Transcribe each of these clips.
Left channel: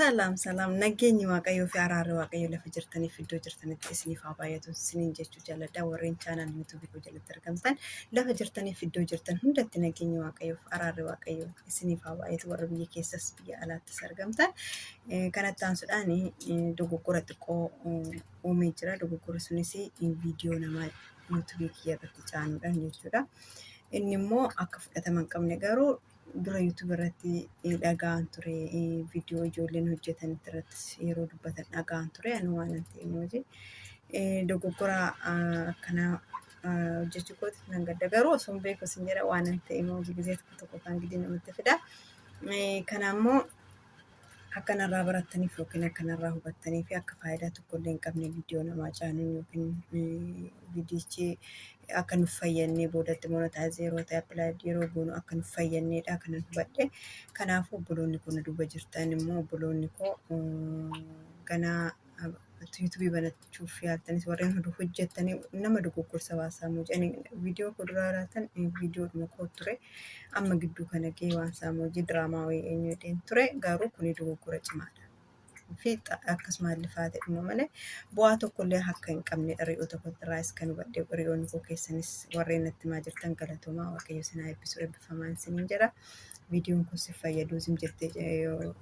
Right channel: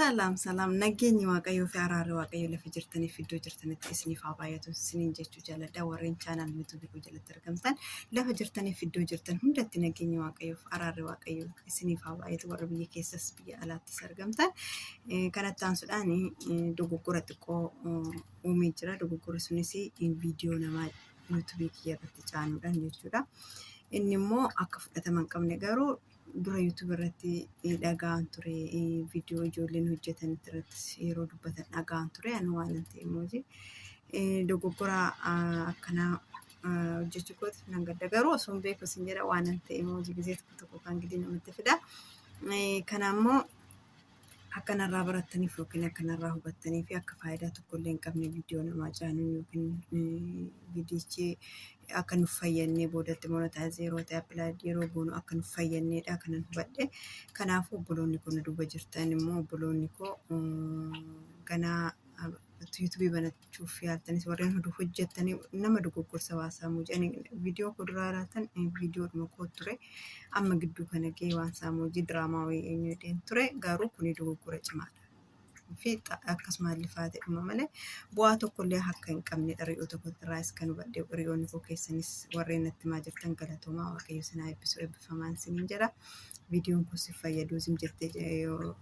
Salaam nageenyi waaqayyoo fi araarri waaqayyoo lafa jirtaniif iddoo jirtanitti isiniif haa baay'atu isiniin jechuu jaalladha warreen chaanal yuutuubii koo jalatti argamtan lafa jirtaniif iddoo jirtan hundatti nageenyi waaqayyoo fi araarri waaqayyoo isiniif haa baay'atu warra biyya keessas biyya alaattis argamtan kanatti aansuudhaan dogoggora xiqqoo uumee jira dogoggorri sunis viidiyoo namaa yuutuubii kiyya irratti caanuudhaan jechuudha inni immoo akka fudhatama hin qabne garuu dura YouTube irratti dhagaan ture viidiyoo ijoolleen hojjetan irratti yeroo dubbatan dhagaan ture anu waan ta'e emoji dogoggora akkanaa hojjechuu kooti nan gadda garuu osoo hin beeku sin jedha waan ta'e emoji gisee tokko kan gidi namatti fida kanaammoo akkanarraa barattaniif yookiin akkanarraa hubattanii fi akka faayidaa tokko illee hin qabne viidiyoo namaa caanuun yookiin viidiyichi akka nuuf fayyannee boodatti monetaayiz yeroo ta'e appilaayiid yeroo goonu akka nuuf fayyanneedha kanan hubadhe kanaafuu obboloonni kun duuba jirtan immoo obboloonni koo ganaa yuutuubii banachuuf yaaltanis warreen hundi hojjettanii nama dogoggorsa baasaamuu jedhanii viidiyoo koo duraa laatan viidiyoodhuma koo ture amma gidduu kana gahee waan saamoojii diraamaa wayii eenyuudhaan ture garuu kuni dogoggora cimaadha. fi akkasuma lifaatedhuma malee bu'aa tokkollee akka hin qabne dhari'oo tokko irraas kan hubadhe dhari'oonni koo keessanis warreen natti himaa jirtan galatoomaa waaqayyo sinaa eebbisu eebbifamaan siniin jedha viidiyoon kun si fayyadu sim jettee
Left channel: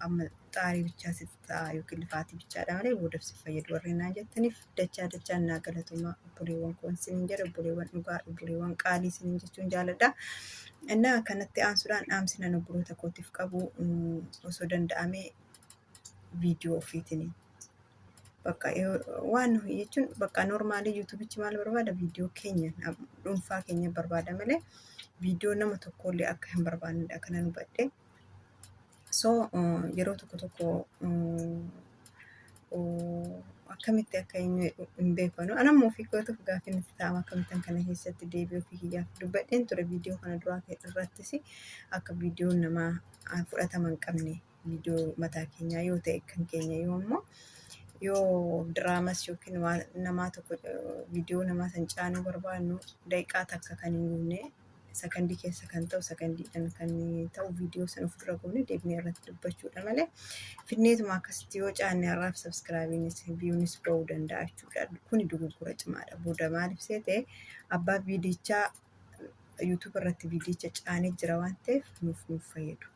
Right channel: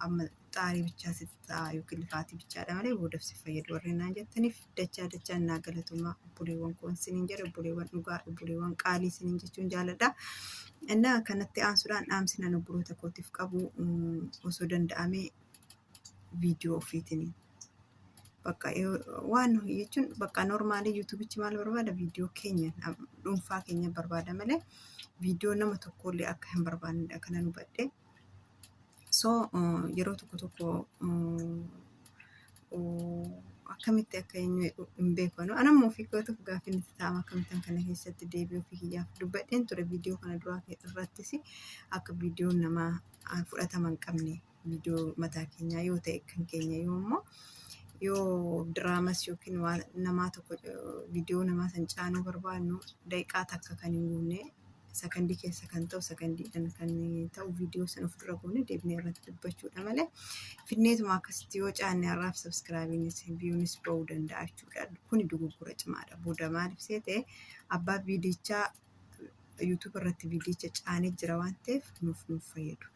amma xaarii bichaa sitti ta'a yookiin lifaatii bichaadha malee boodaaf si fayyadu warreen naan jettaniif dachaa naa galatoomaa obboleewwan koon siniin jedha obboleewwan dhugaa obboleewwan qaalii siniin jechuun jaaladha. Innaa kanatti aansuudhaan dhaamsi nan obboloota kootiif qabu osoo danda'amee viidiyoo ofiitiin bakka waan jechuun bakka normaalii yuutuubichi maal barbaada viidiyoo keenya dhuunfaa keenya barbaada malee viidiyoo nama tokkollee akka hin barbaannedha kanan hubadhe so yeroo tokko akkamitti akka eenyu hin beekanu anammoo ofii kootuuf gaaffii natti ta'ama akkamittan kana keessatti deebi'ee ofii kiyyaaf dubbadheen ture viidiyoo kana duraa irrattis akka viidiyoo namaa fudhatama hin qabne viidiyoo mataa keenyaa yoo ta'e kan keenya yoo immoo yoo diraamas yookiin namaa tokko viidiyoo namaa san caanuu barbaadnu daqiiqaa takka kan hin guunne sakandii keessa kan ta'u sakandiidhaan kan ta'u viidiyoo san of dura goone deebinee irratti dubbachuudha malee finneetuma akkasitti yoo caanne har'aaf sabskraabiinis biyuunis ba'uu danda'a jechuudha kuni dogoggora cimaadha booda maaliif seete abbaa viidiyichaa yuutuub irratti viidiyicha caanee jira waan ta'eef nuuf fayyadu.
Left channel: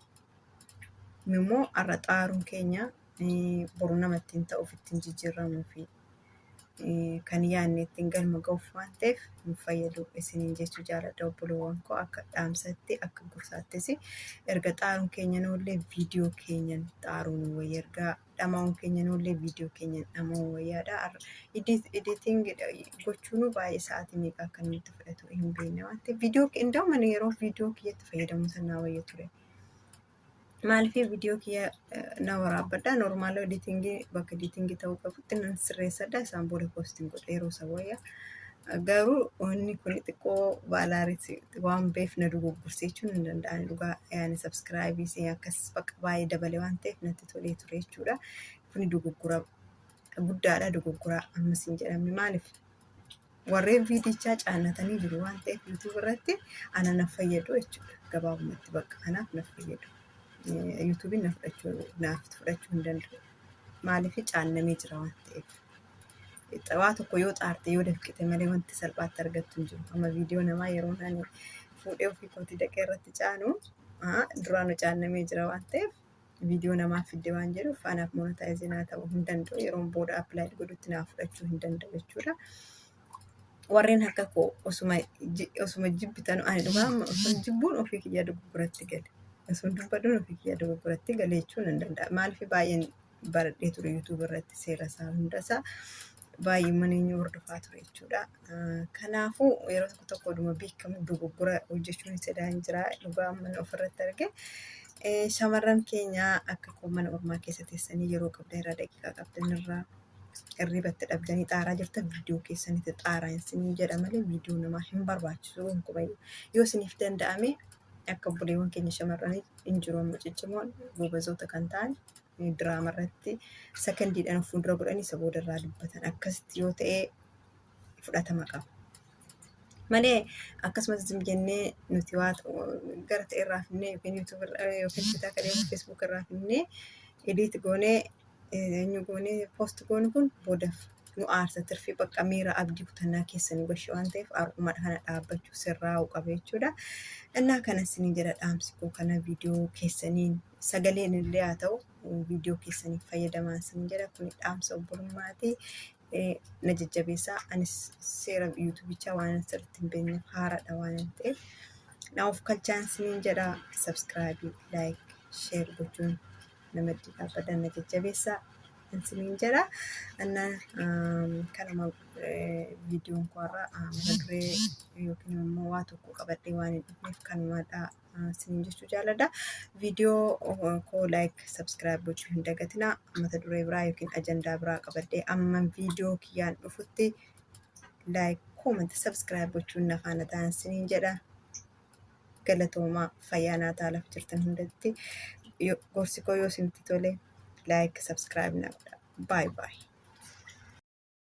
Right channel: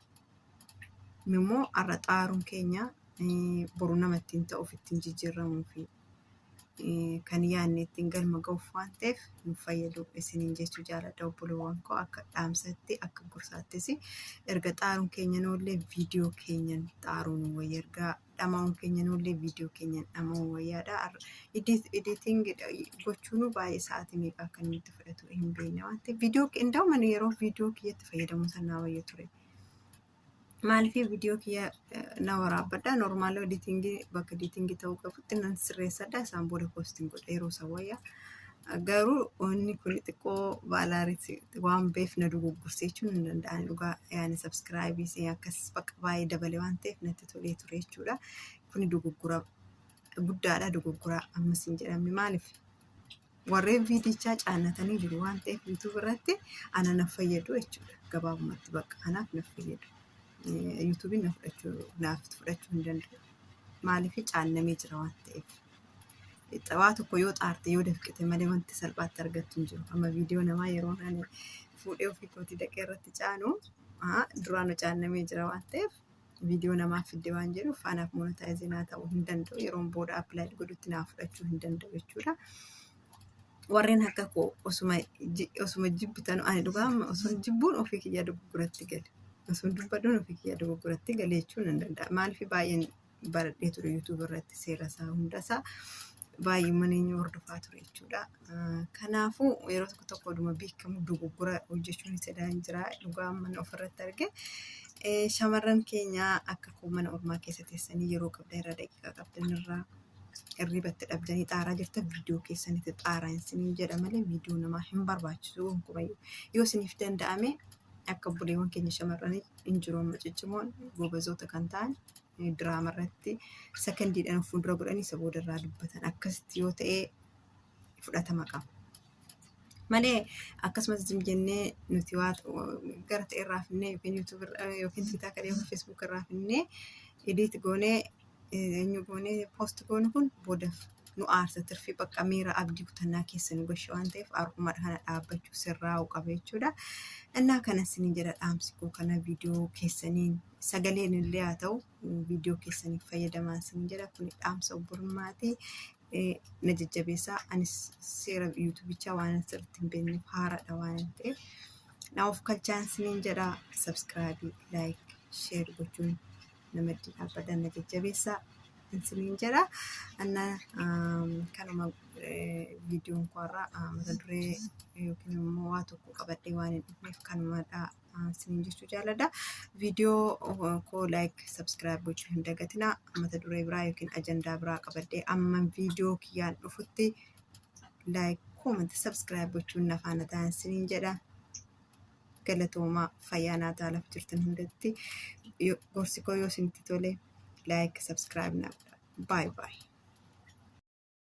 Immoo har'a xaaruun keenya boru namatti hin ta'uuf ittiin jijjiiramuu fi kan yaadne ittiin galma ga'uuf waan ta'eef nu fayyadu isiniin jechuu jaaladha obboloowwan koo akka dhaamsatti akka gorsaattis erga xaaruun keenya noollee viidiyoo keenyan xaaruun wayya erga dhamaa'uun keenya noollee viidiyoo keenyan dhamaa'uu wayyaadha editing gochuun baay'ee sa'aatii meeqa akka nutti fudhatu hin beekne waan ta'eef viidiyoo qindaa'u mana yeroo viidiyoo kiyyatti fayyadamuu sanaa wayya ture. Maaliif viidiyoo kiyya na waraabadha normaal editingii bakka editingii ta'uu qabutti nan sirreessadha isaan booda poostiin godha yeroo sawwayyaa garuu inni kun xiqqoo baalaaritti waan beef na dogoggorsa jechuun hin danda'an dhugaa yaani sabskraayibii akkas bakka baay'ee dabale waan ta'eef natti tolee ture jechuudha kuni dogoggora guddaadha dogoggora ammas hin jedhamne maaliif warreen viidiyichaa caannatanii jiru waan ta'eef yuutuub irratti ana na fayyadu jechuudha gabaabumatti bakka anaaf na fayyadu. yuutuubiin naaf fudhachuu hin danda'u maaliif caannamee jira waan ta'eef xawaa tokko yoo xaarte yoo dafqite malee wanti salphaatti argattu hin jiru amma viidiyoo namaa yeroo ani fuudhee ofii kootii dhaqee irratti caanu duraan caannamee jira waan ta'eef viidiyoo namaa fidde waan jedhuuf anaaf monetaayizinaa ta'uu hin danda'u yeroon booda appilaayiid godhutti naaf fudhachuu hin danda'u jechuudha. Warreen akka koo osuma jibbitan ani dhugaa osoo jibbuun ofii kiyya dogoggoratti gale. Osoo dubbadhuun ofii kiyya dogoggoratti galee jechuun hin danda'a. Maaliif baay'een baradhee ture yuutuub irratti seera isaa hundasaa baay'ee maneenyu hordofaa ture jechuudha. Kanaafuu yeroo tokko dhuma beekamu dogoggora hojjechuun sedaan jira dhugaa mana ofirratti arge. Shamarran keenya akka koo mana ormaa keessa teessanii yeroo qabdan irraa daqiiqaa qabdan irraa irribatti dhabdanii xaaraa jirtan viidiyoo keessanitti xaaraa isiniin jedha malee viidiyoo namaa hin barbaachisu gonkumayyuu yoo isiniif danda'ame akka obboleewwan keenya shamarranii injiroon ciccimoo gobazoota kan ta'an diraama irratti sakandiidhaan of fuuldura godhanii isa booda irraa dubbatan akkasitti yoo ta'e fudhatama qaba. Malee akkasumas jennee nuti waa gara ta'e irraa finnee yookiin yuutuub yookiin tiiktook irraa feesbuuk irraa finnee edit goonee eenyu goonee post goonu kun boodaaf nu aarsa tirfii bakka miira abdii kutannaa keessa nu gashe waan ta'eef arguma kana dhaabbachuu sirraa'u qaba jechuudha. Innaa kana isin jedha dhaamsi koo kana viidiyoo keessaniin sagaleen illee haa ta'u viidiyoo keessaniif fayyadamaa isin jedha. Kun dhaamsa obbolummaati. Na jajjabeessaa anis seera yuutuubichaa waan sirriitti hin beekneef haaraadha waan ta'eef naaf kalchaan isin jedha. Subscribe, like, share gochuun nama dhaabbatan na jajjabeessaa isin jedha. Anna kanuma viidiyoon koo irraa mata duree yookiin immoo waa tokko qabadhee waan hin dhufneef kanumadha isin jechuu jaalladha. Viidiyoo koo like, subscribe gochuu hin dagatinaa. Mata duree biraa yookiin ajandaa biraa qabadhee amma viidiyoo kiyyaan dhufutti like, comment, subscribe gochuun na faana ta'aa isin jedha. Galatoomaa fayyaa naa ta'a lafa jirtan hundatti. Gorsi koo yoo isinitti tole like, subscribe na godhaa. Bye bye.